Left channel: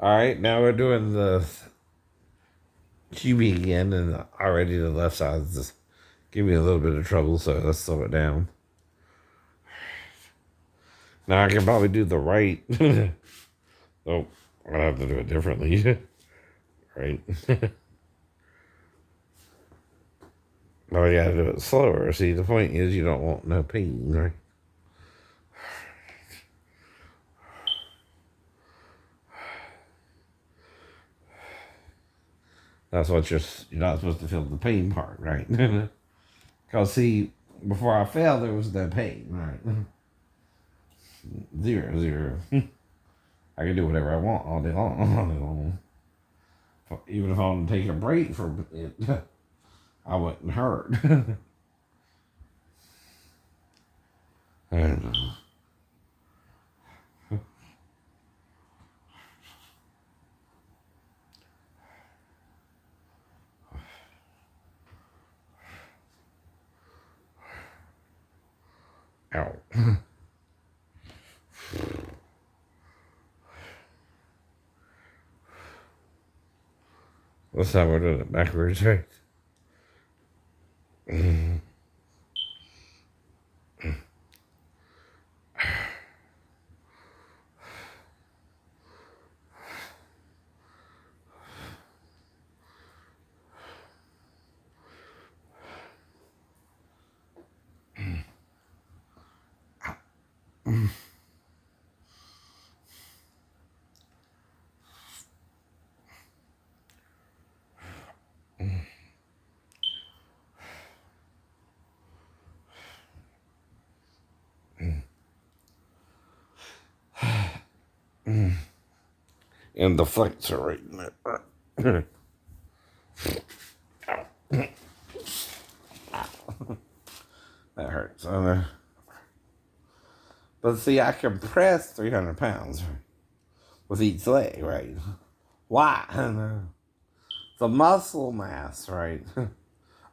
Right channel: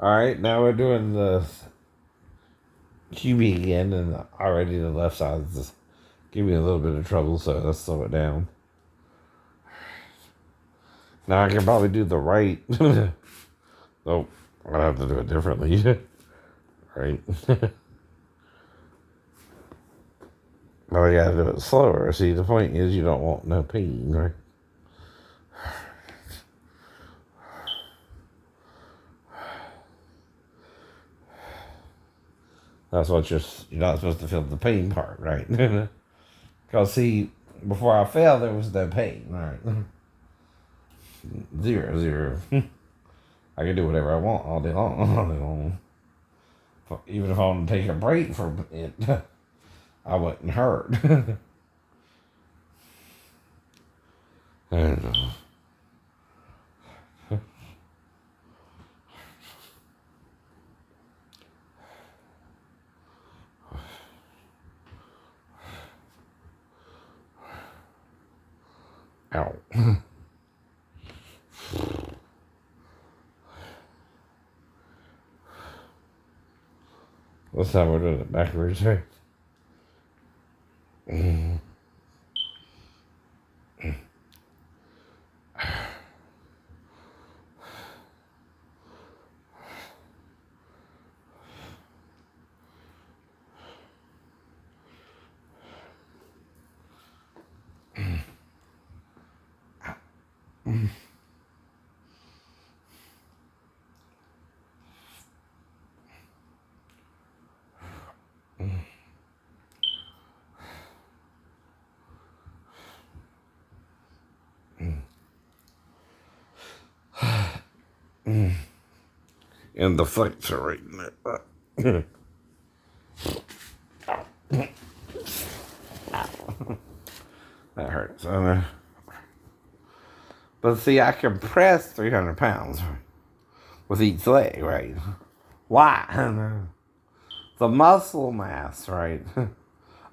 All right, now we're doing the QB again, and already the left side is just giving me a little bit of trouble, so let's slow it down. Now I can probably do the right. Nope, I'll have to do it differently. Right? Well, you gotta do it slower. See, the point is you don't want no pain, right? That's what you're not supposed to feel the pain part, right? Because see, before I fell, there was no pain, right? Zero, zero. I can do whatever I want all day long, all day long. Even if I want to take a break from it, I wouldn't hurt. And, ow. That's how we're doing it backwards, right? And the flexor right in there. That hurts. But see, I can press 300 pounds with each leg, right? Why? The muscle mass, right?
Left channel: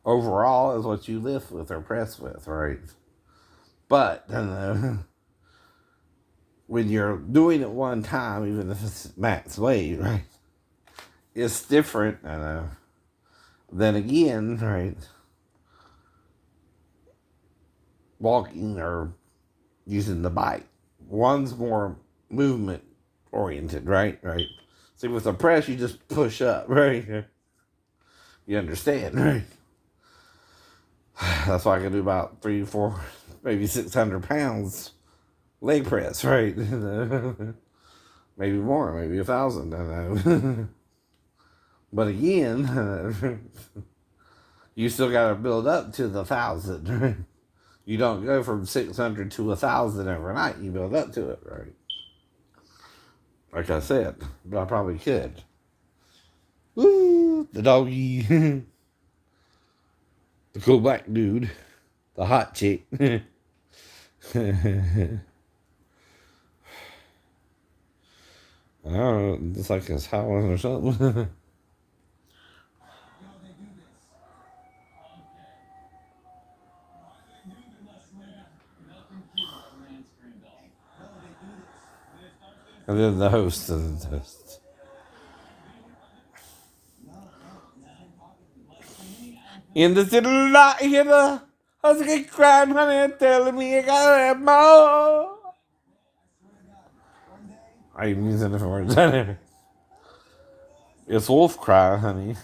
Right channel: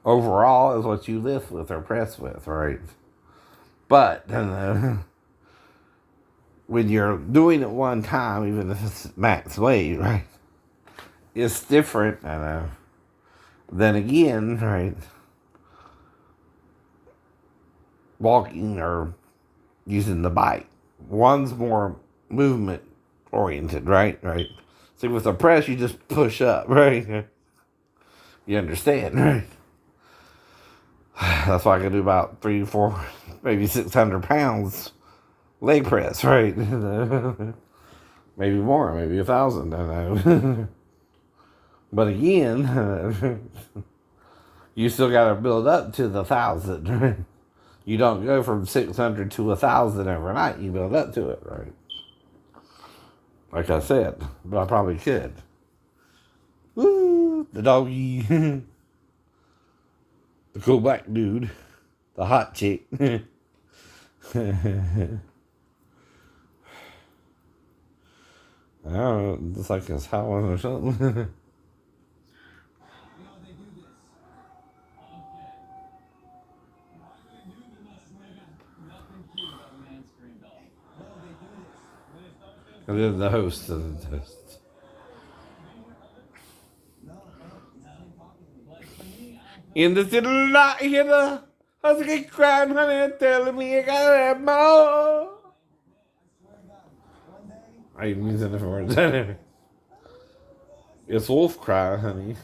Overall is what you lift with or press with, right? But when you're doing it one time, even if it's max weight, right? It's different. Then again, right? Walking or using the bike. One's more movement oriented, right? Right. See, with the press, you just push up, right? You understand, right? That's why I can do about 3, 4, maybe 600 pounds leg press, right? Maybe more, maybe 1,000. I don't know. But again, you still got to build up to the 1,000, right? You don't go from 600 to 1,000 overnight. You build up to it, right? Like I said, but I probably could. Woo, the doggy, the cool black dude, the hot chick. I don't know, it's like it's howling or something. And then the host and the host. In the city lot here, I was getting crying, honey, telling me I gotta have more. I even use different words. It's wolf cry, honey.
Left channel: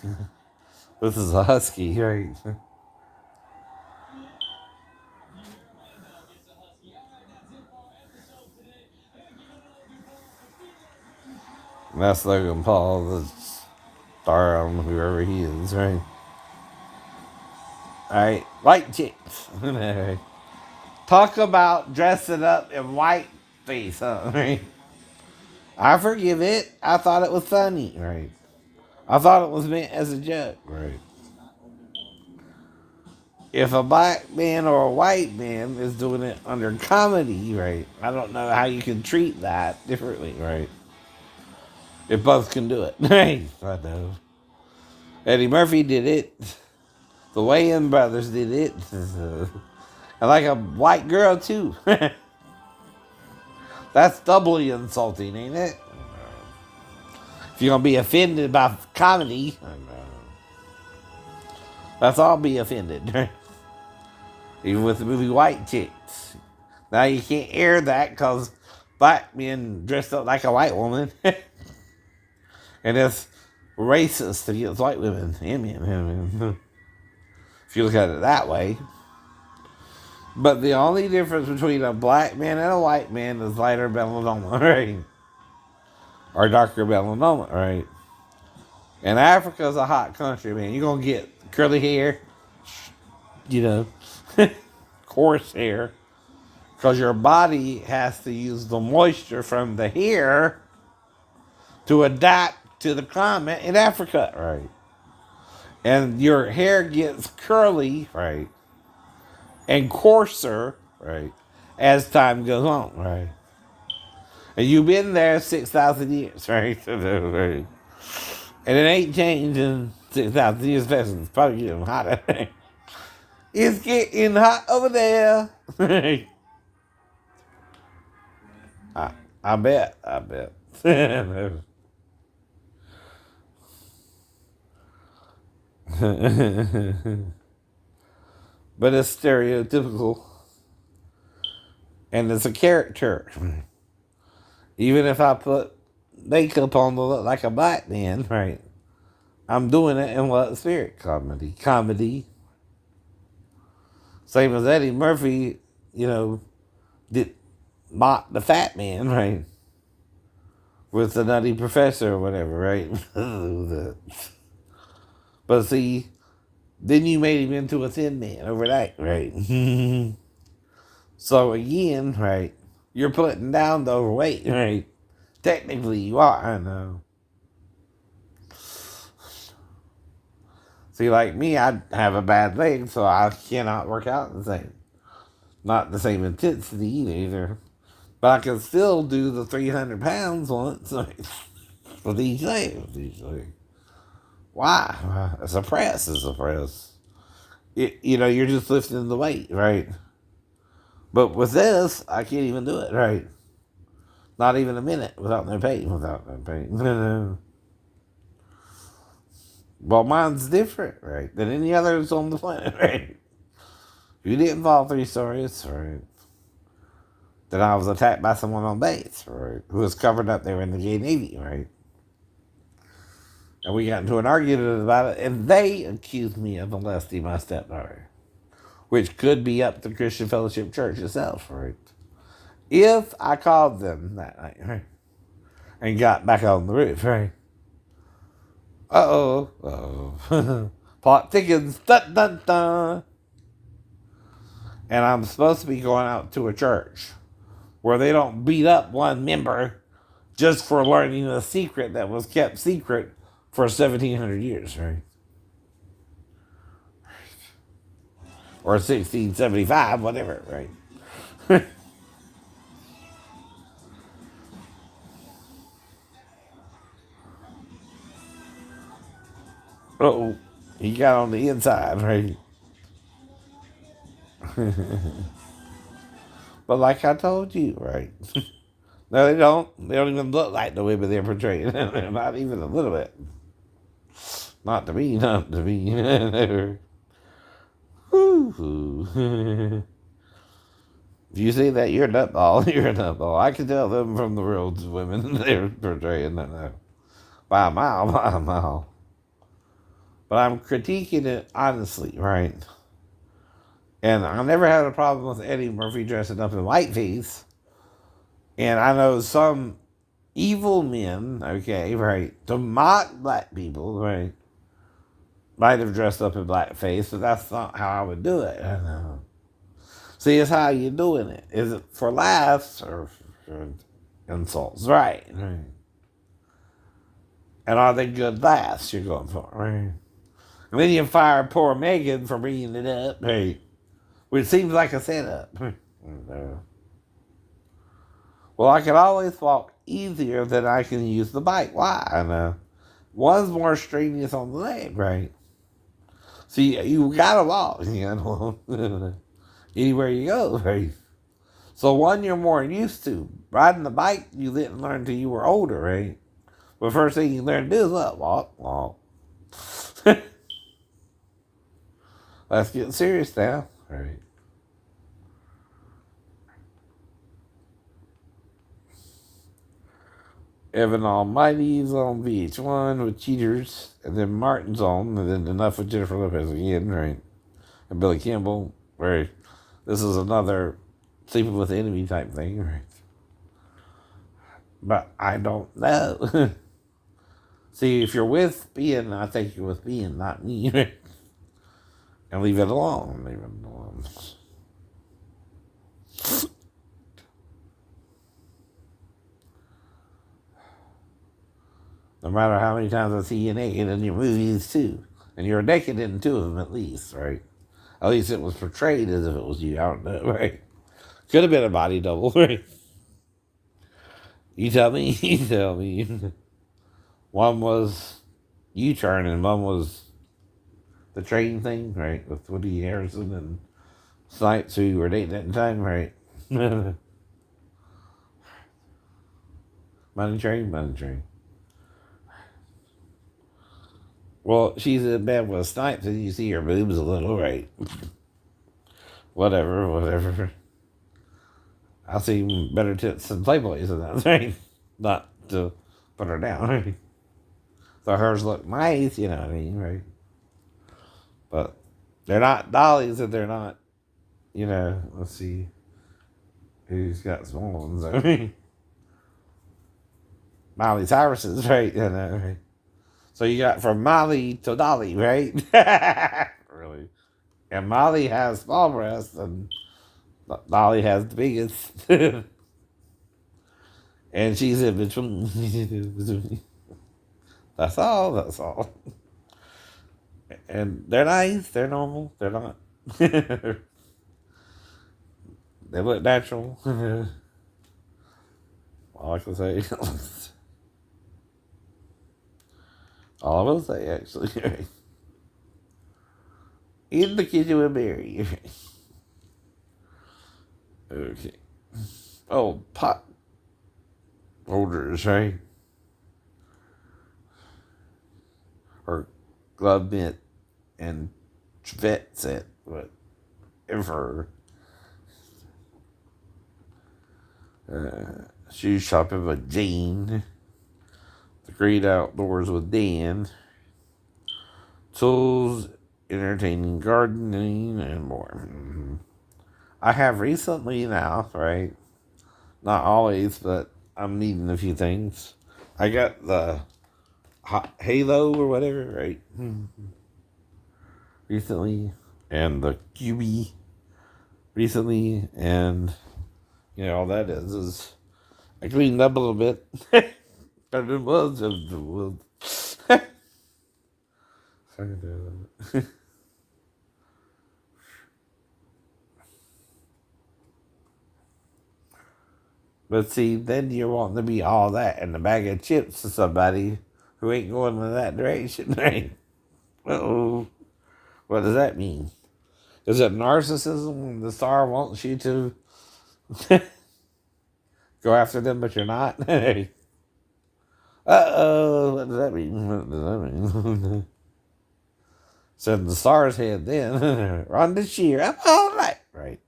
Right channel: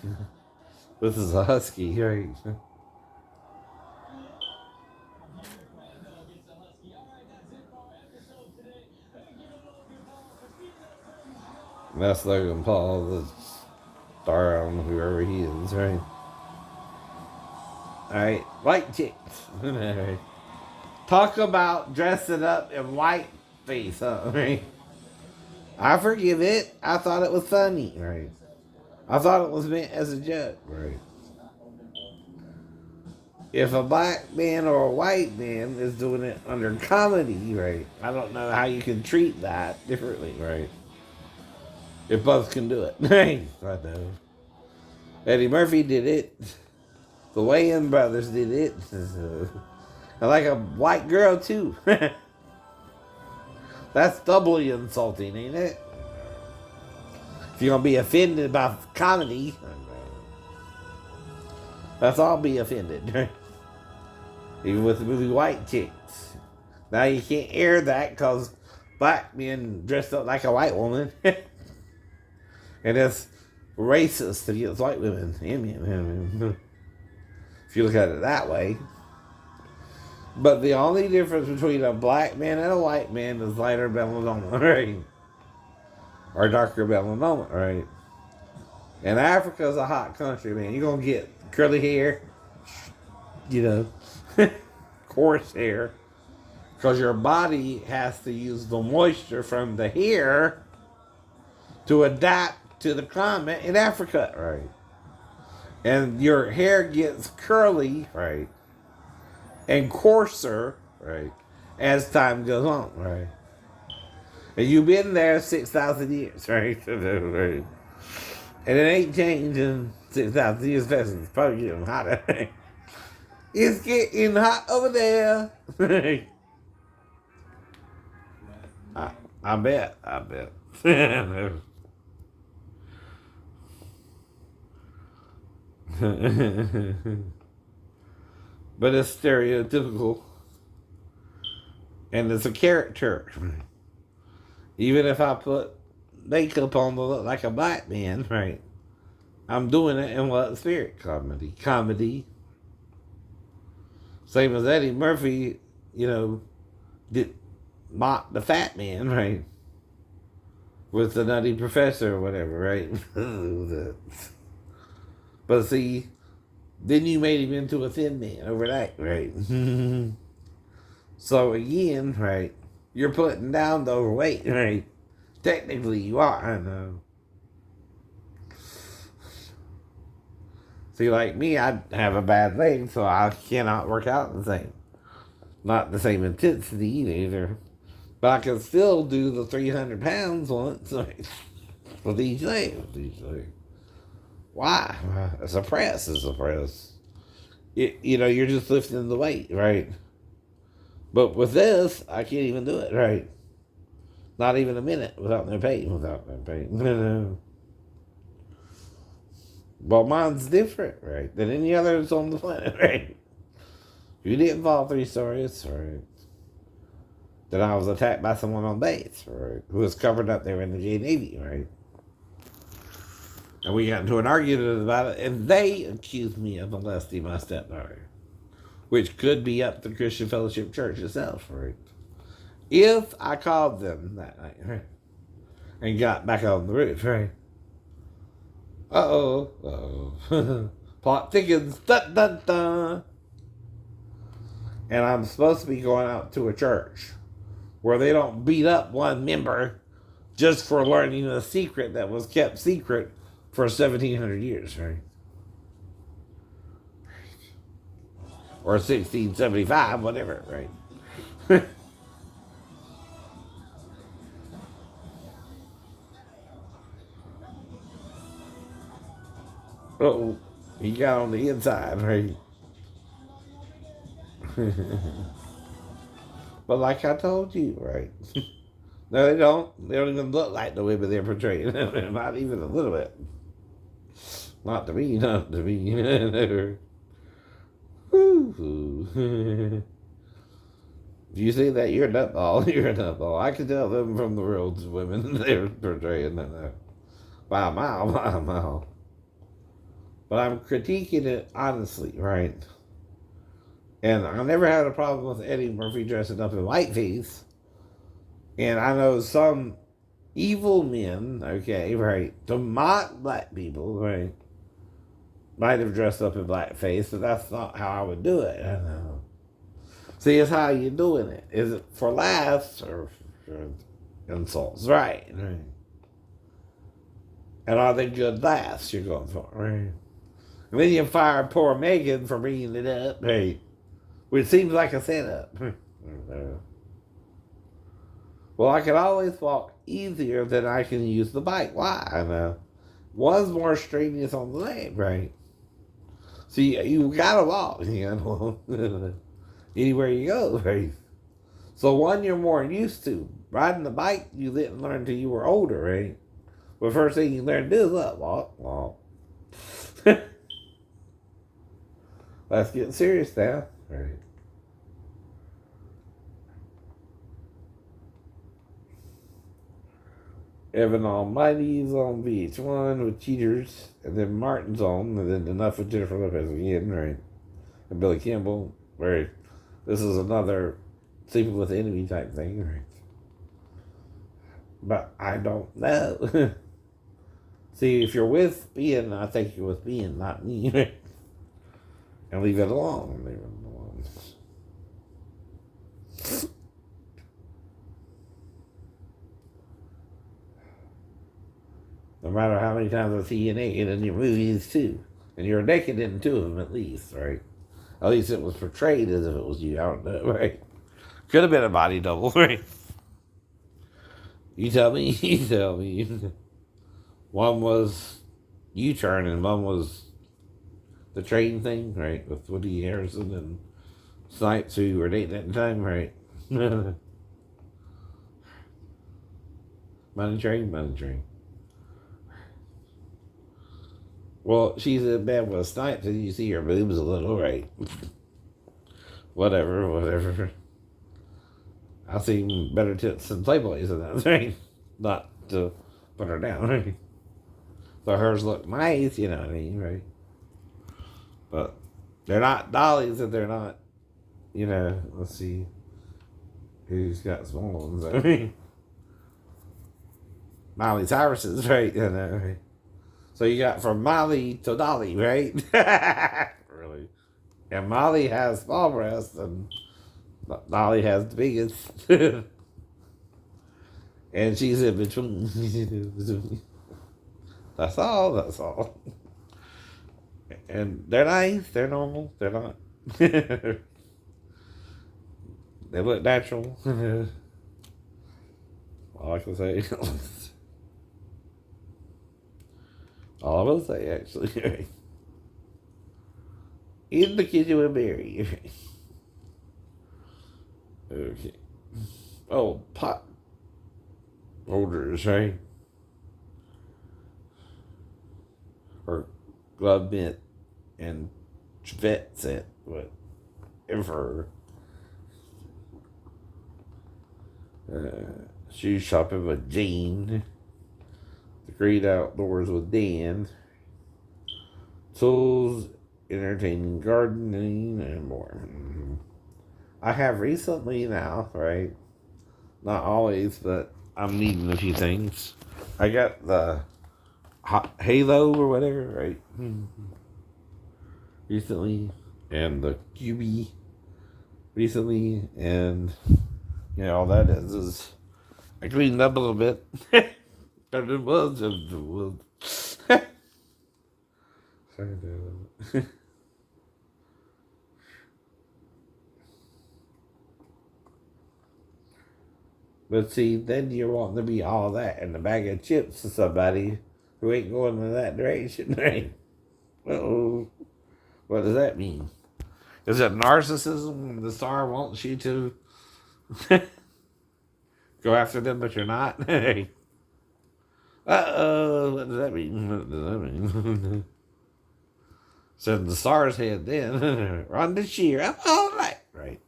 This is a husky, right? And that's Logan Paul, the star on whoever he is, right? Alright, white chicks. Alright. Talk about dressing up in white face, huh? Right? I forgive it. I thought it was funny, right? I thought it was meant as a joke, right? If a black man or a white man is doing it under comedy, right? I don't know how you can treat that differently, right? If both can do it, right? I know. Eddie Murphy did it. The Wayans brothers did it. I like a white girl too. That's doubly insulting, ain't it? If you're gonna be offended by comedy, let's all be offended. Even with the movie White Chicks. Now you can't air that because black men dressed up like a white woman. And it's racist against white women and men. If you look at it that way. But the only difference between a black man and a white man is lighter melanoma, right? Or darker melanoma, right? And Africa's a hot country, man. You're going to get curly hair, coarse hair. Because your body has to use the moisture from the hair to adapt to the climate in Africa, right? And your hair gets curly, right? And coarser, right? As time goes on, right? And you've been there 6,000 years, right? And it ain't changed in 6,000 years. It's probably getting hotter. It's getting hot over there. I bet. But it's stereotypical. And it's a character. Even if I put makeup on to look like a black man, right? I'm doing it in what spirit? Comedy. Same as Eddie Murphy, did mock the fat man, right? With the Nutty Professor or whatever, right? But see, then you made him into a thin man overnight, right? So again, right, you're putting down the overweight, right? Technically you are, I know. See, like me, I have a bad leg, so I cannot work out not the same intensity either. But I can still do the 300 pounds once with each leg. Why? It's a press. You're just lifting the weight, right? But with this, I can't even do it, right? Not even a minute without no pain. Well, mine's different, right, than any others on the planet, right? You didn't fall 3 stories, right? Then I was attacked by someone on base, right? Who was covered up there in the J Navy, right? And we got into an argument about it, and they accused me of molesting my stepdaughter, which could be up to Christian Fellowship Church itself, right? If I called them that night, right? And got back on the roof, right? Plot thickens, dun dun dun. And I'm supposed to be going out to a church where they don't beat up one member just for learning a secret that was kept secret for 1,700 years, right? Or 1675, whatever, right? He got on the inside, right? But like I told you, right? No, they don't. They don't even look like the women they're portraying. Not even a little bit. Not to me. If you see that, you're a nutball. You're a nutball. I can tell them from the world's women they're portraying that by a mile. But I'm critiquing it honestly, right? And I never had a problem with Eddie Murphy dressing up in whiteface. And I know some evil men, okay, right, to mock black people, right, might have dressed up in blackface, but that's not how I would do it. I know. See, it's how you doing it. Is it for laughs or for insults? Right. And are they good laughs you're going for, right? And then you fire poor Megan for bringing it up, right? Which seems like a setup. Well, I can always walk easier than I can use the bike. Why? I know. One's more strenuous on the leg, right? So you gotta walk, anywhere you go, right? So one you're more used to. Riding the bike, you didn't learn till you were older, right? But first thing you learn to do is what? Walk. Let's get serious now. All right. Evan Almighty's on VH1 with Cheaters, and then Martin's on, and then Enough with Jennifer Lopez again, right? And Billy Campbell, right? This is another sleeping with the enemy type thing, right? But I don't know. See, if you're with being, I think you're with being, not me, right? And leave it alone. Leave it alone. No matter how many times I see you naked in your movies too. And you're naked in two of them at least, right? At least it was portrayed as if it was you. I don't know, right? Could have been a body double, right? You tell me, you tell me. One was U-turn and one was the train thing, right? With Woody Harrelson and Snipes, who were dating at the time, right? Money Train. Well, she's in bed with Snipes and you see her boobs a little, right? Whatever. I'll see better tits than Playboys in that thing. Not to put her down, right? So hers look nice, you know what I mean, right? But they're not dollies and they're not, let's see who's got small ones. I mean, Miley Cyrus's, right? Right? So you got from Molly to Dolly, right? Really? And Molly has small breasts and Dolly has the biggest. And she's in between. That's all. And they're nice, they're normal, they're not. They look natural. All I can say. All I will say, actually. In the kitchen with Mary. Okay. Oh, pot holders, right? Or glove mitt and vet set, whatever. Shoe shopping with Jane. The Great Outdoors with Dan. Tools, entertaining gardening, and more. I have recently now, right? Not always, but I'm needing a few things. I got the Halo or whatever, right? Recently. And the QB recently. And, all that is I cleaned up a little bit. But it was. But see, then you're wanting to be all that and a bag of chips to somebody who ain't going in that direction, right? Uh-oh. What does that mean? Is it narcissism when the star wants you to go after them, but you're not? Uh-oh, what does that mean? Said the star's head then. Rhonda Shear, I'm all right.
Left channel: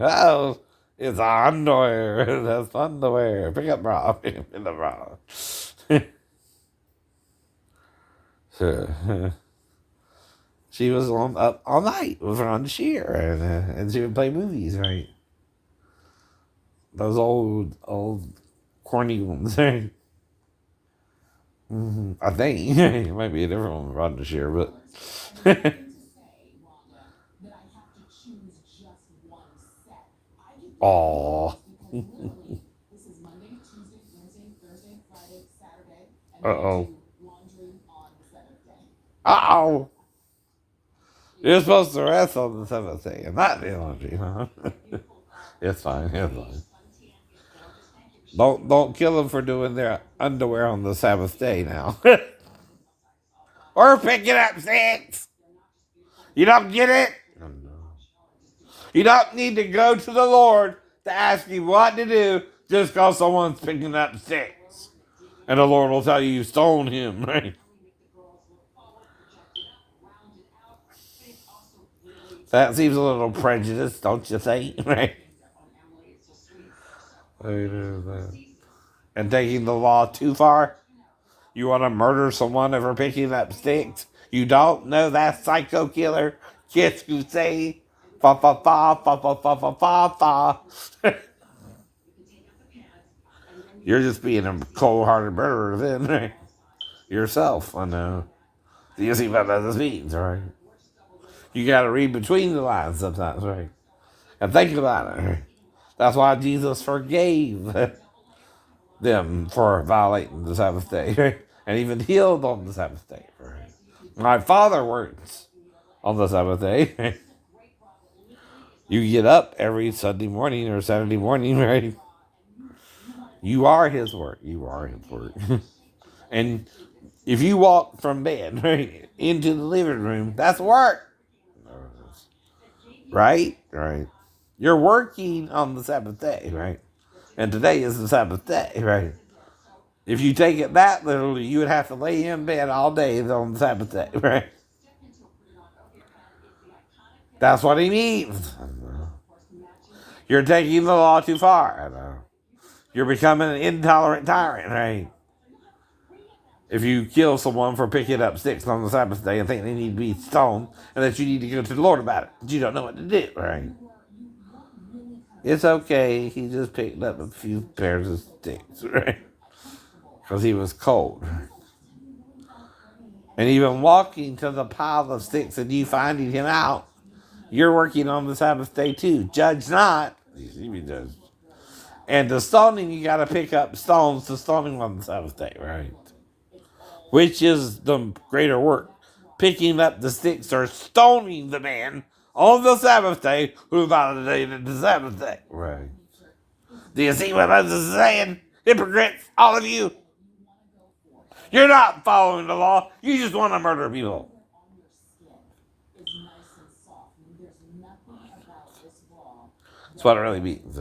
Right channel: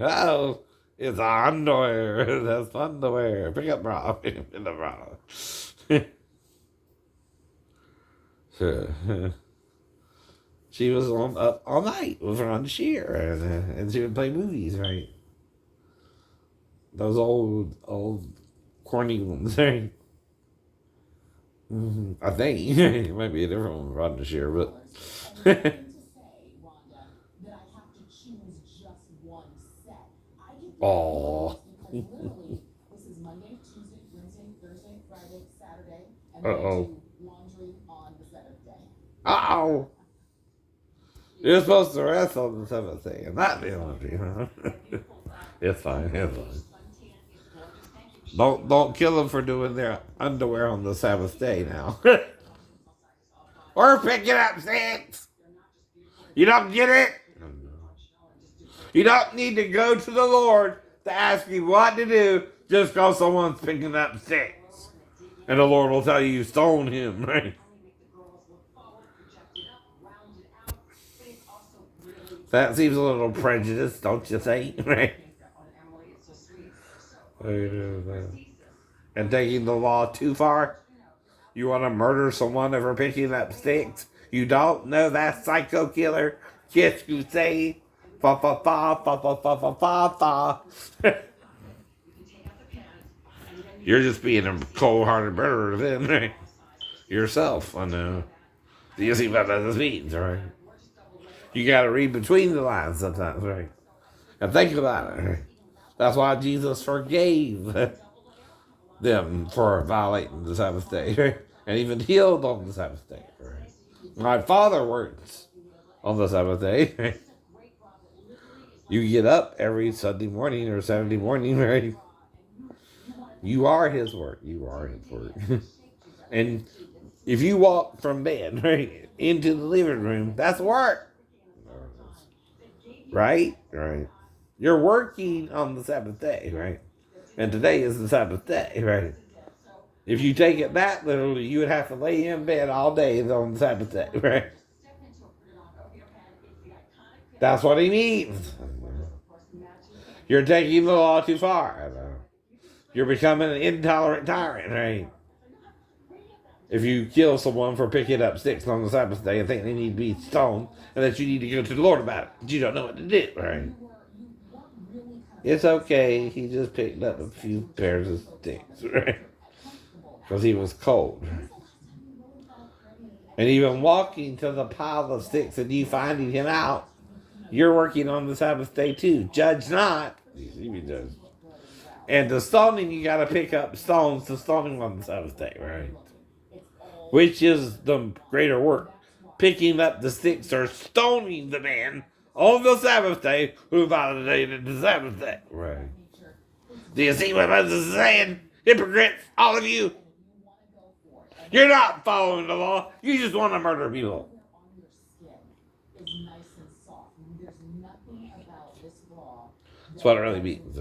Oh, it's underwear. That's underwear. Pick up bra. Pick up bra. She was up all night with Rhonda Shear, and she would play movies, right? Those old corny ones, right? I think it might be a different one with Rhonda Shear, but. Oh. Uh-oh. Uh-oh. You're supposed to rest on the seventh day and not the laundry, huh? It's fine. Don't kill them for doing their underwear on the Sabbath day now. Or pick it up, six. You don't get it? You don't need to go to the Lord to ask you what to do just because someone's picking up sticks. And the Lord will tell you, stone him, right? That seems a little prejudiced, don't you think? Right? And taking the law too far? You want to murder someone for picking up sticks? You don't know that psycho killer? Yes, you say. Fa fa fa fa fa fa fa fa fa. You're just being a cold-hearted murderer then, right? Yourself, I know. You see what this means, right? You got to read between the lines sometimes, right? And think about it. Right? That's why Jesus forgave them for violating the Sabbath day, right? And even healed on the Sabbath day, right? My Father works on the Sabbath day. Right? You get up every Sunday morning or Saturday morning, right? You are His work. You are His work. And if you walk from bed, right, into the living room, that's work. Right? Right. You're working on the Sabbath day, right? And today is the Sabbath day, right? If you take it that literally, you would have to lay in bed all day on the Sabbath day, right? That's what he means. You're taking the law too far. You're becoming an intolerant tyrant, right? If you kill someone for picking up sticks on the Sabbath day and think they need to be stoned and that you need to go to the Lord about it, but you don't know what to do, right? It's okay. He just picked up a few pairs of sticks, right? Because he was cold. And even walking to the pile of sticks and you finding him out, you're working on the Sabbath day too. Judge not. You be judged. And the stoning, you got to pick up stones to stone him on the Sabbath day, right? Which is the greater work? Picking up the sticks or stoning the man on the Sabbath day who violated the Sabbath day. Right. Do you see what Moses is saying? Hypocrites, all of you. You're not following the law. You just want to murder people. That's what it really means.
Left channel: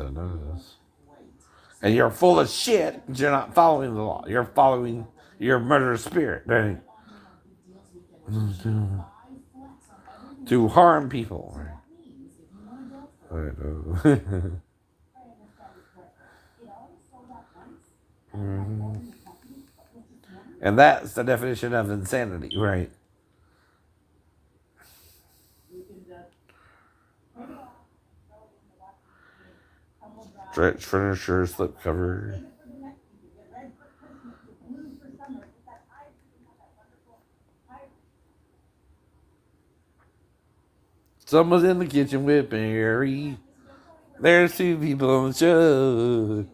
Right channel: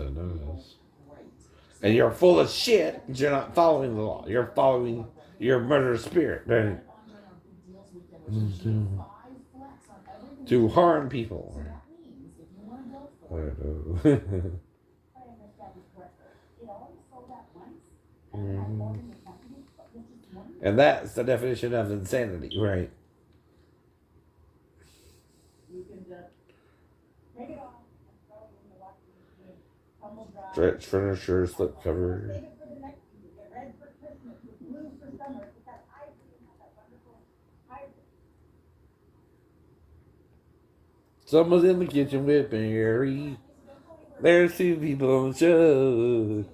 And you're full of shit. You're not following the law. You're following your murderous spirit, right? To harm people. Right? And that's the definition of insanity, right? Stretch furniture, slip cover. Someone's in the kitchen with Mary. There's two people on the show.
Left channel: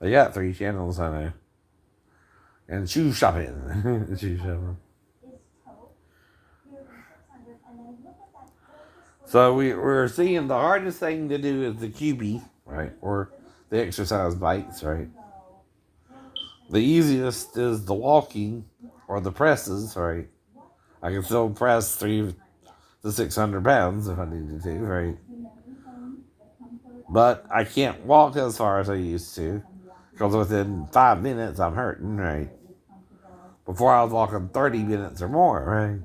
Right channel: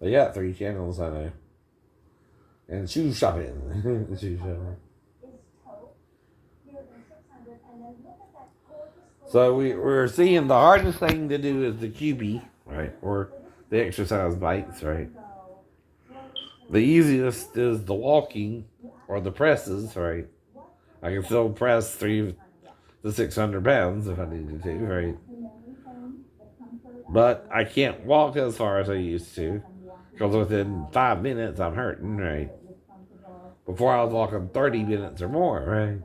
They got 3 channels on it. And shoe shopping. Shoe shopping. So we're seeing the hardest thing to do is the QB, right? Or the exercise bikes, right? The easiest is the walking or the presses, right? I can still press 3 to 600 pounds if I needed to, right? But I can't walk as far as I used to because within 5 minutes I'm hurting, right? Before I was walking 30 minutes or more, right?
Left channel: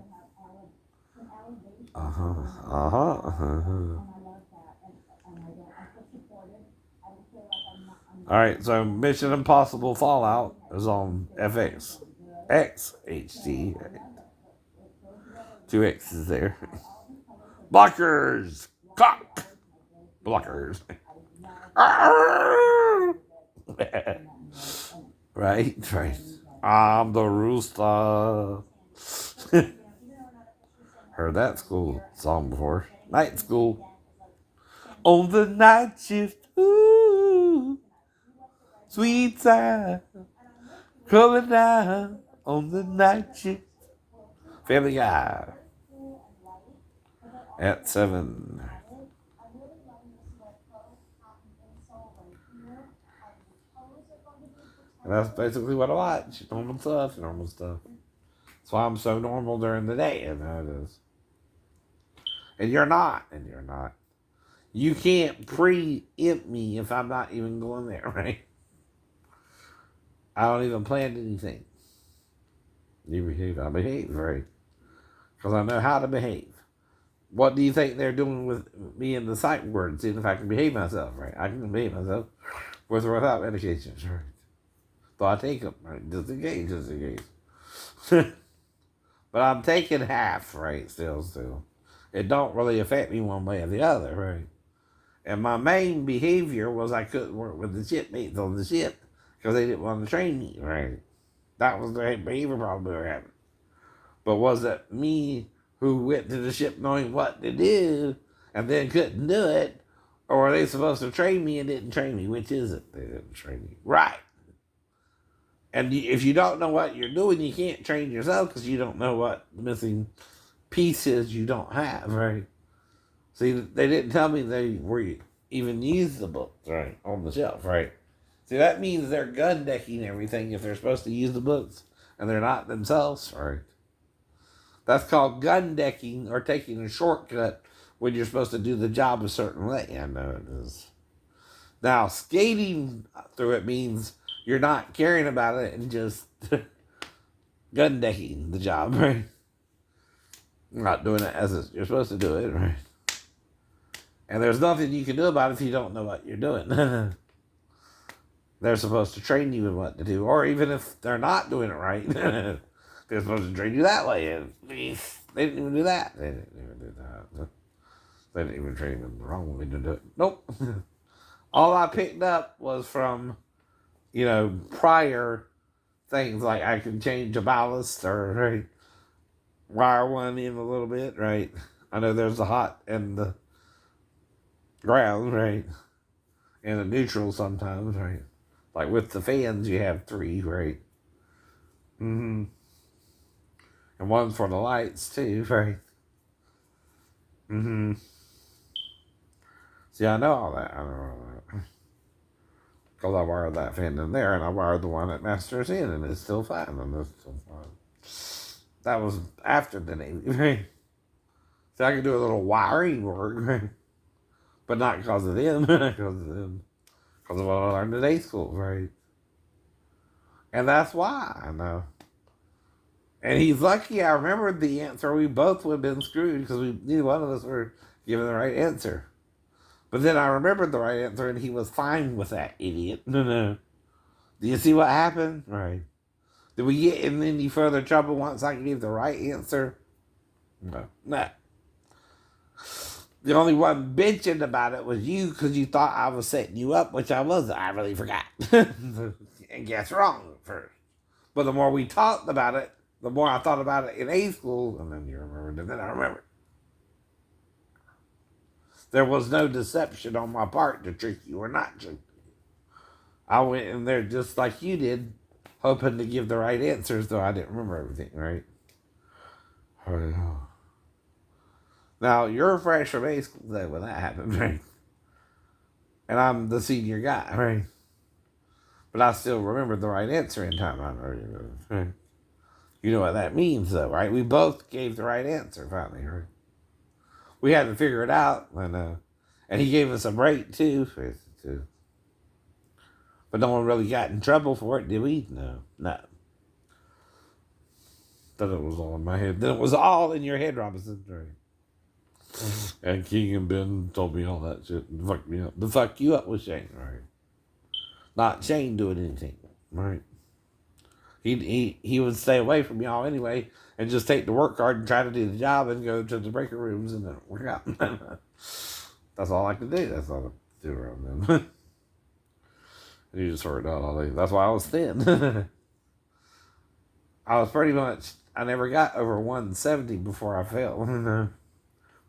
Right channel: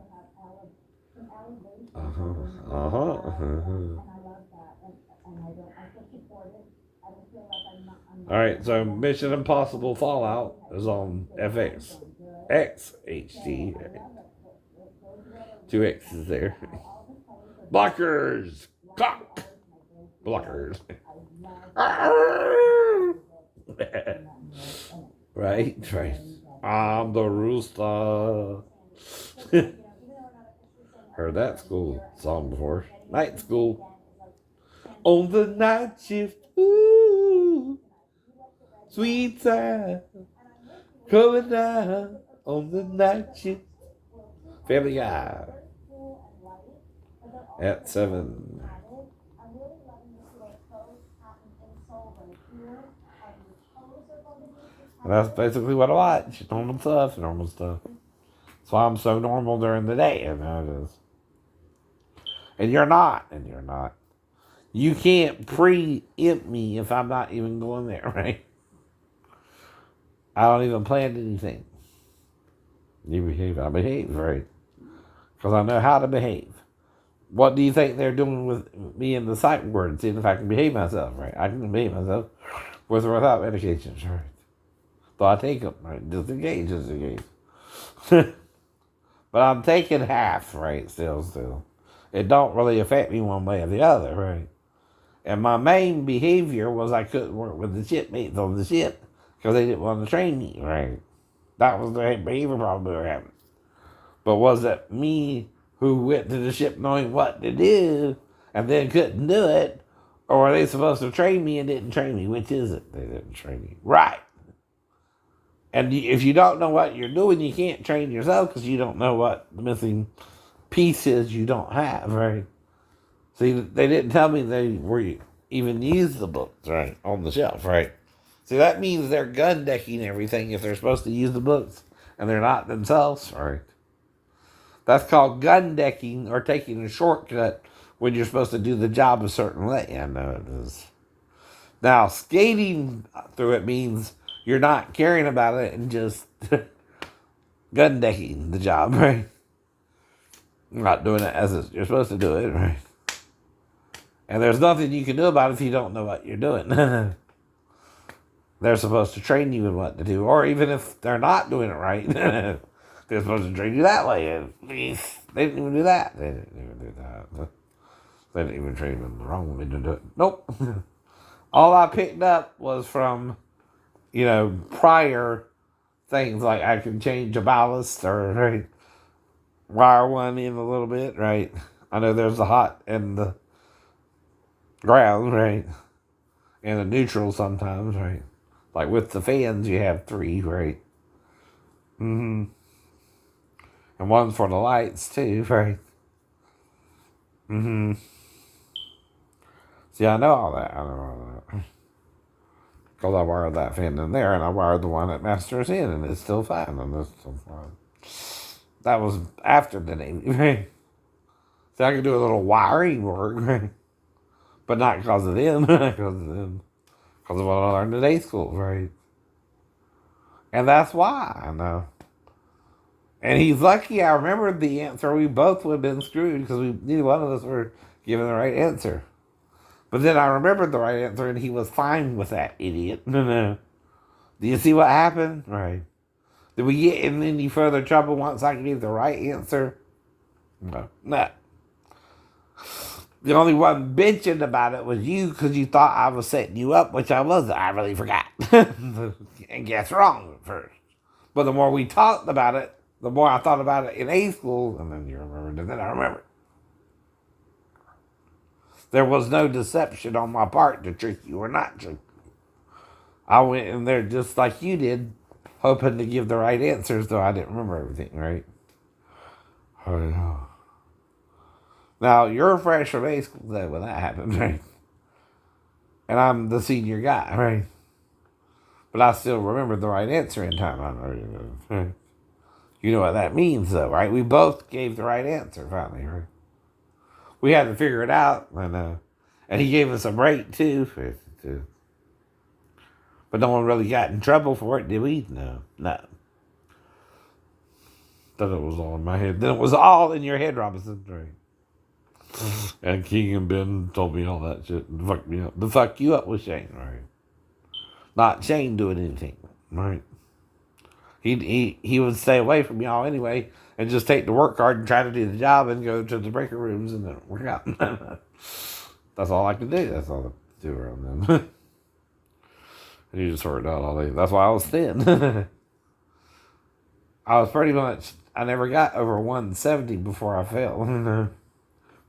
Alright, so Mission Impossible Fallout is on FX. XHD. Right? 2 X's there. Blockers! Cock! Blockers. Right. I'm the rooster. Heard that school song before. Night school. On the night shift. Ooh. Sweet time. Coming down on the night shift. Family Guy. At 7. And that's basically what I watch. Normal stuff, normal stuff. That's why I'm so normal during the day, and that is. And you're not, and you're not. You can't preempt me if I'm not even going there, right? I don't even plan anything. You behave, I behave, right? Because I know how to behave. What do you think they're doing with me in the psych ward? Seeing if I can behave myself, right? I can behave myself with or without medications, right? So I take them, right? Just in case, just in case. But I'm taking half, right? Still. It don't really affect me one way or the other, right? And my main behavior was I couldn't work with the shipmates on the ship because they didn't want to train me, right? That was the behavior problem we were having. But was it me who went to the ship knowing what to do and then couldn't do it? Or were they supposed to train me and didn't train me? Which is it? They didn't train me. Right. And if you don't know what you're doing, you can't train yourself because you don't know what the missing piece is you don't have, right? See, they didn't tell me they were even use the books, right, on the shelf, right? See, that means they're gun decking everything if they're supposed to use the books and they're not themselves, right? That's called gun decking or taking a shortcut when you're supposed to do the job a certain way. I know it is. Now, skating through it means you're not caring about it and just gun decking the job, right? You're not doing it as you're supposed to do it, right? And there's nothing you can do about it if you don't know what you're doing. They're supposed to train you in what to do. Or even if they're not doing it right, they're supposed to train you that way. And they didn't even do that. They didn't even do that. They didn't even train you in the wrong way to do it. Nope. All I picked up was from, prior things like I could change a ballast or right, wire one in a little bit, right? I know there's a hot and the ground, right? And a neutral sometimes, right? Like with the fans, you have 3, right? Mm-hmm. And one for the lights, too, right? Mm-hmm. See, I know all that. I know all that. Because I wired that fan in there, and I wired the one that masters in, and it's still fine, and it's still fine. That was after the Navy, right? So I could do a little wiring work, right? But not because of them, because of them. Because of what I learned at day school, right? And that's why I know. And he's lucky I remembered the answer. We both would have been screwed because neither one of us were given the right answer. But then I remembered the right answer and he was fine with that idiot. No. Do you see what happened? Right. Did we get in any further trouble once I gave the right answer? No. The only one bitching about it was you because you thought I was setting you up, which I wasn't. I really forgot. And guess wrong at first. But the more we talked about it, the more I thought about it in A school, and then you remembered, and then I remembered. There was no deception on my part to trick you or not trick you. I went in there just like you did, hoping to give the right answers, though I didn't remember everything, right? Now, you're fresh from A school though when that happened, right? And I'm the senior guy, right? But I still remembered the right answer in time. I know you know. Right? You know what that means, though, right? We both gave the right answer finally, right? We had to figure it out, and he gave us a break too. But no one really got in trouble for it, did we? No. Thought it was all in my head. Then it was all in your head, Robinson. Right. And King and Ben told me all that shit and fucked me up. The fuck you up was Shane, right? Not Shane doing anything, right? He would stay away from y'all anyway and just take the work card and try to do the job and go to the breaker rooms and then work out. That's all I could do. That's all I could do around them. And you just worked out all day. That's why I was thin. I was pretty much, I never got over 170 before I fell,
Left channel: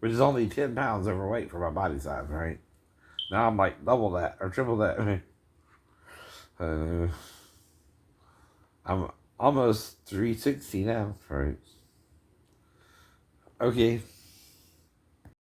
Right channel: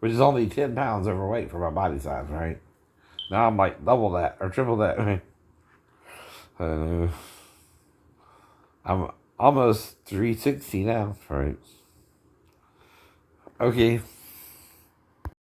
which is only 10 pounds overweight for my body size, right? Now I'm like double that or triple that. I'm almost 360 now, right? Okay.